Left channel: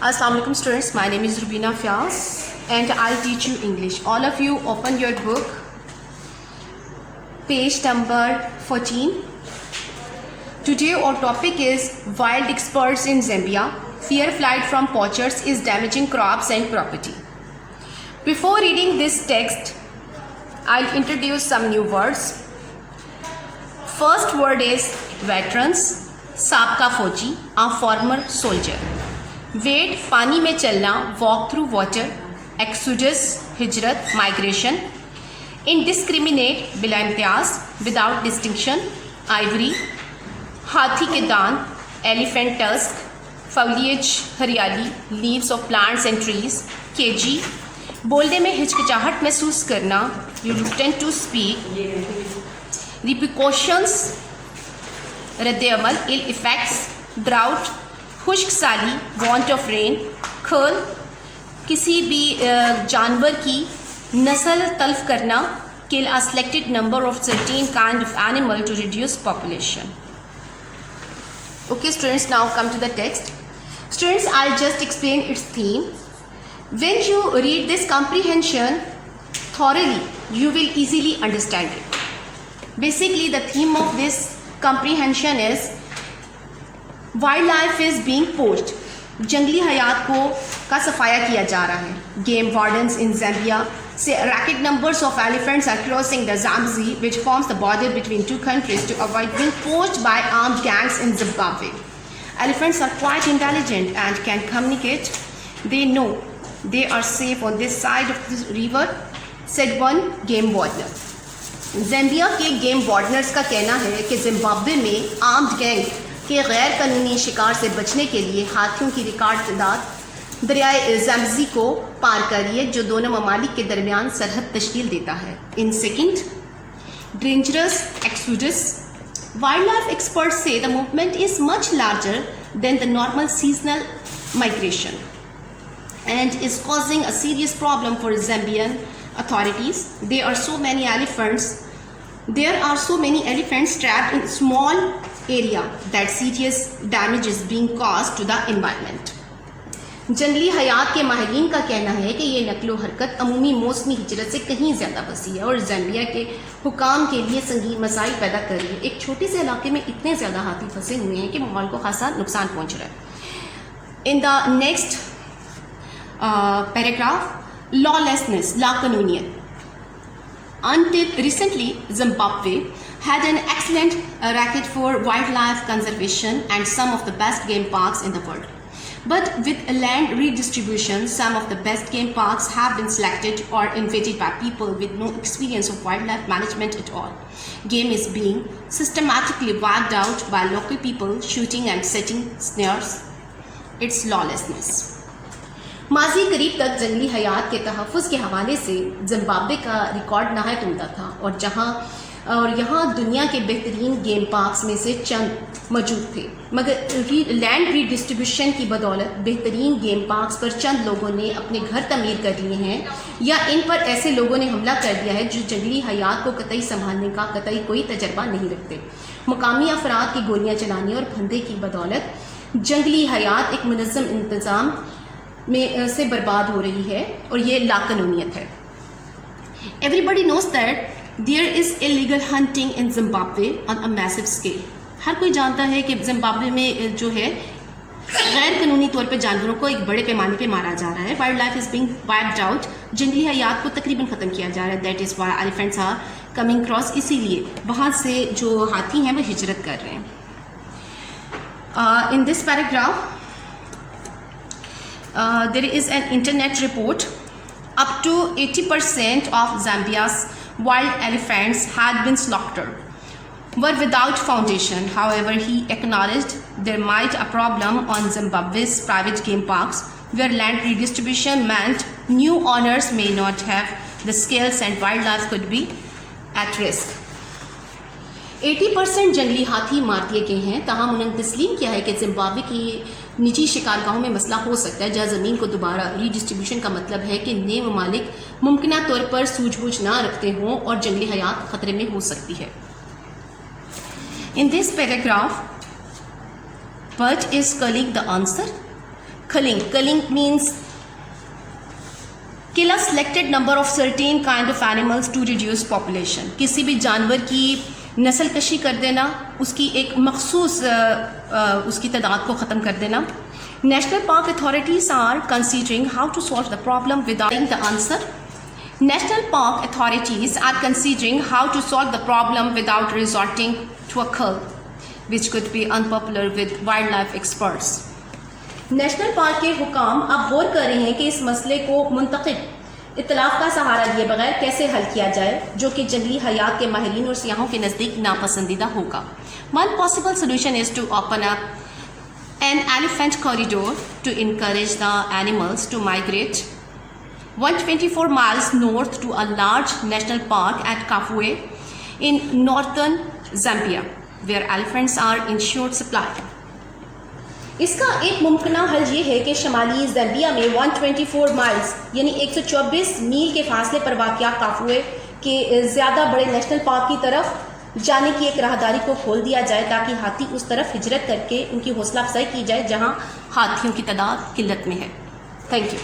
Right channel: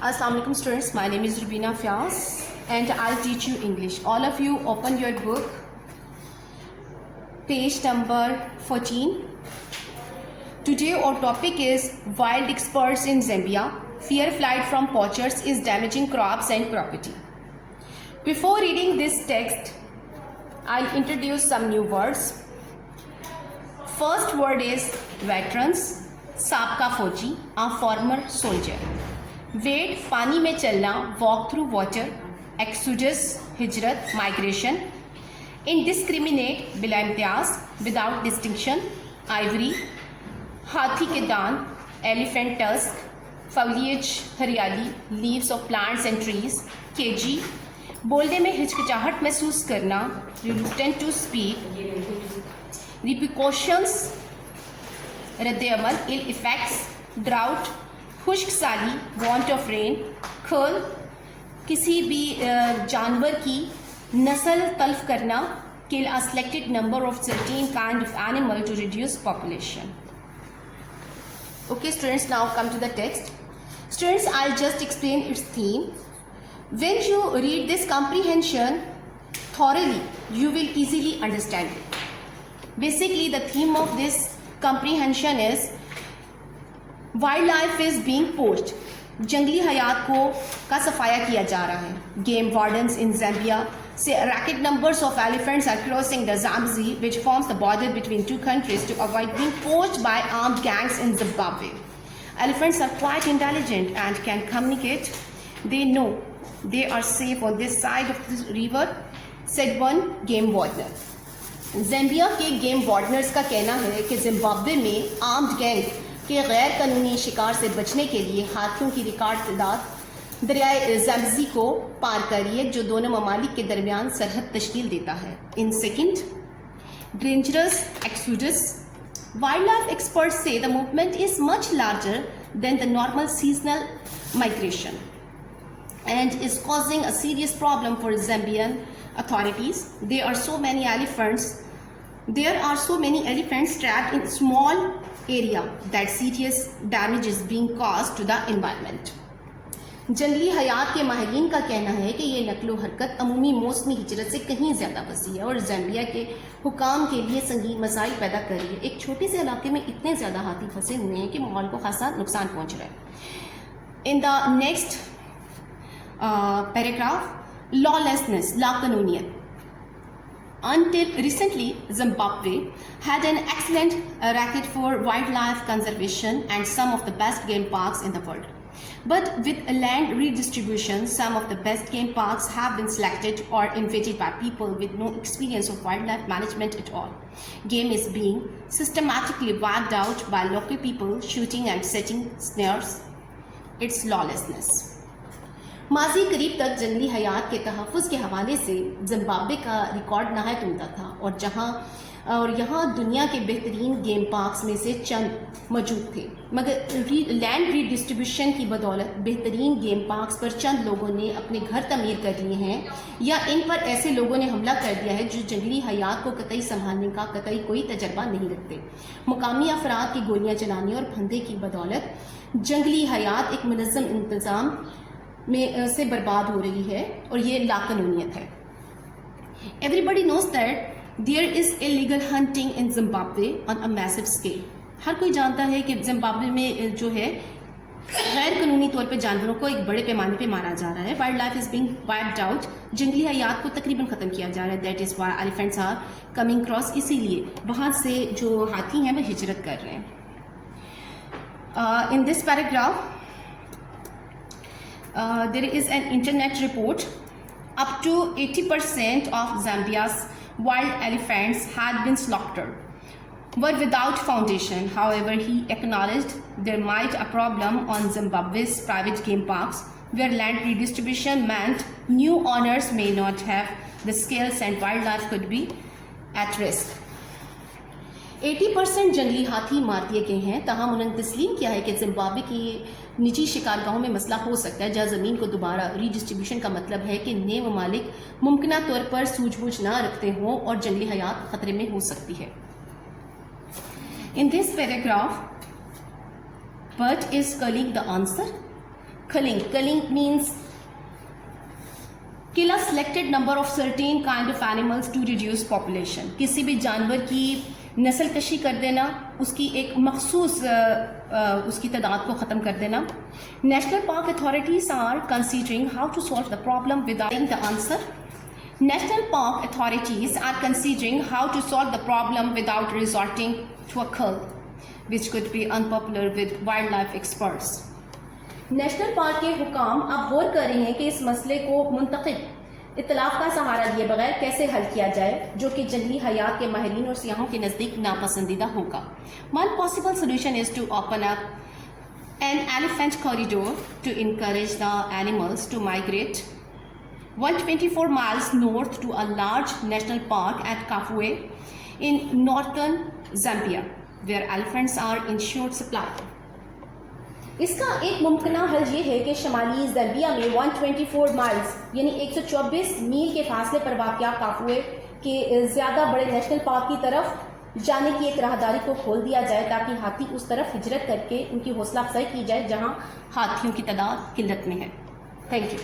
Assalamu alaikum students, my name is Rubina Fias and I'll teach you English. All of you open your book, page number 14. Today our topic is wild experts in Zambia. Fear flight from poachers is damaging crops and property. Before reading this text, I'll introduce some new words. First word is veterans, साबका फौजी, a former soldier. Wait पानी में चलना, walk through water, एक्सुडस हिजरत migration, indiscriminate बिला Imtiaz, without distinction, Ivory, हाथी के दांत, एलिफेंट टस्क, फॉलिएज हरियाली, leaves of plants and trees, केजी, बोलने में हिचकिचाहट महसूस करना, रिलुक्टेंट टू स्पीक, रिप्रिकॉशंस रद्द-ए-अमल, इल इफेक्ट्स, ड्राउट, खुश्क साली, वॉन्ट ऑफ रेन, खल, किसी भी जानवर की नस्ल तल्फ करना, kill a selected number of certain kind of animal to reduce population. Okay students, now come to the text. Students, I'll just explain its theme. When you read this comprehension thoroughly, you will easily understand it. Basically, the theme of this comprehension is wild life is being poached. जंगली हयात को का सफाया किया जा रहा है. Game wardens in Zambia say record numbers of elephants are crossing the Zambezi which forms the border between two countries to avoid being poached by armed gangs in Zimbabwe. Elephants are quite intelligent and can communicate. They know they are safe on this side of the river, said one game warden. ज़ैम्बिया के game वार्डनर्स का कहना है कि Zimbabwe में armed gang के गैर कानूनी शिकार से बचने के लिए हाथियों की रिकॉर्ड तादाद दरियाए ज़ाम्बजी को पार कर रही है, जो दोनों ममालिक के दरमियान सरहद तश्कील देता है. In second, dangerous exodus. Wild life experts say the movement is much larger than the normal seasonal migration and is causing a serious problem for Zambian authorities. There are so many elephants trapped in small area that serious damage is being caused to the environment. जंगली हयात के माहिरीन का कहना है कि ये नकलो हरकत अमूमी मौसमी हिजरत से कहीं ज़्यादा वसी है और ज़ाम्बिया के हुकाम के लिए संगीन मसाइल पैदा कर रही है. एक छोटे से इलाके में इतने ज़्यादा हाथी फंसे हुए हैं कि माहौल को खासा नुकसान पहुँच रहा है. In the next paragraph, lawlessness, लाकानूनियत. Until recently, Zimbabwe had an excellent record for wildlife conservation and some of the best game parks in the world. But with land redistribution, some of the best game parks have been selected or invaded by people with no experience of wildlife management at all. Game is being systematically wiped out by local people shooting and setting snares. It's lawlessness. माजी करीब तक जंगली हयात के तहफ़्फ़ुज़ के हवाले से Zimbabwe का record नहायत उम्दा था और यहाँ दुनिया के बेहतरीन गेम पार्क्स में से चंद मौजूद थे. मगर लैंड रीडिस्ट्रीब्यूशन की बदौलत बेहतरीन गेम पार्क्स पर चंद लोगों ने अपने घर तमीर कर लिए हैं या इन पर ऐसे लोगों ने हमला कर दिया है जो जंगली हयात को कतई संभालने का कतई कोई तजर्बा नहीं रखते. मुकामी अफराद की गोलियाँ चलाने और फंदे की बदौलत जंगली हयात एक मुनज़्ज़म इंतज़ाम में से बर्बाद हो रही है और ये लाकानूनियत है. Everybody knows that there is illegal hunting in Zimbabwe on a massive scale. हर कोई जानता है कि जिम्बाब्वे में जो है गैर कानूनी तौर पे जानवरों को एक बड़े पैमाने पे मारा जा रहा है. Wildlife is being wiped out. जंगली हयात को तकरीबन ख़त्म किया जा रहा है. That is why elephants are coming cross. इसीलिए वहाँ से जो हाथी हैं वो हिजरत कर रहे हैं. In this paragraph there is an internet report. Up to 80% of Zambia's wild elephants had been slaughtered, were without foundation. However, he acknowledged there might a problem on Zimbabwe's private game parks, where land redistribution meant new owners may not have the skills and wildlife could be at risk. 80% जंगली हाथी मार दिए गए हैं. ताहम उन्होंने तस्लीम किया है कि जिम्बाब्वे की निजी शिकारगाहों में मसला हो सकता है, जहाँ ज़मीन को दोबारा रीडिस्ट्रीब्यूशन का मतलब है कि नए ममालिक मुमकिना तौर पर सूझबूझ ना रखते हों और जंगली हयात ख़तरे में हो सकती है. In this paragraph, what is calling the answer? Culling means kill a selected number of certain kind of animals to reduce population. किसी भी जानवर की नस्ल कशी कर देना, उसकी एक मखसूस उसकी तादाद को ख़त्म कर देना. National park authorities are considering how to solve the problem without the answer. National park authorities are considering how to solve the problem without resorting to a cull, which could be unpopular with wildlife experts. National park के हुकाम अब गौर कर रहे हैं कि इस मसले को मुंतखब इतलाफ का सहारा लिए बगैर कैसे हल किया जाए, जो कि जंगली हयात के माहिरीन और सियाहों के नज़दीक नापसंदीदा होगा. One possible solution is to open up an elephant corridor to encourage the animals to migrate 124 miles north to a large national park at Kafue in northern Zambia, where elephants are in short supply. इसका एक मुमकिना हल ये है कि शमाली ज़ैम्बिया में 124 miles यानी 124 मील के फासले पर वाक़या काफुए के ज़्यादा बड़े नेशनल पार्क की तरफ जाने की एक राहदारी को खोल दिया जाए, ताकि हाथी उस तरफ हिजरत करके उनकी हौसला अफजाई की जाए जहां हाथियों की तादाद किल्लत में है. Thank you.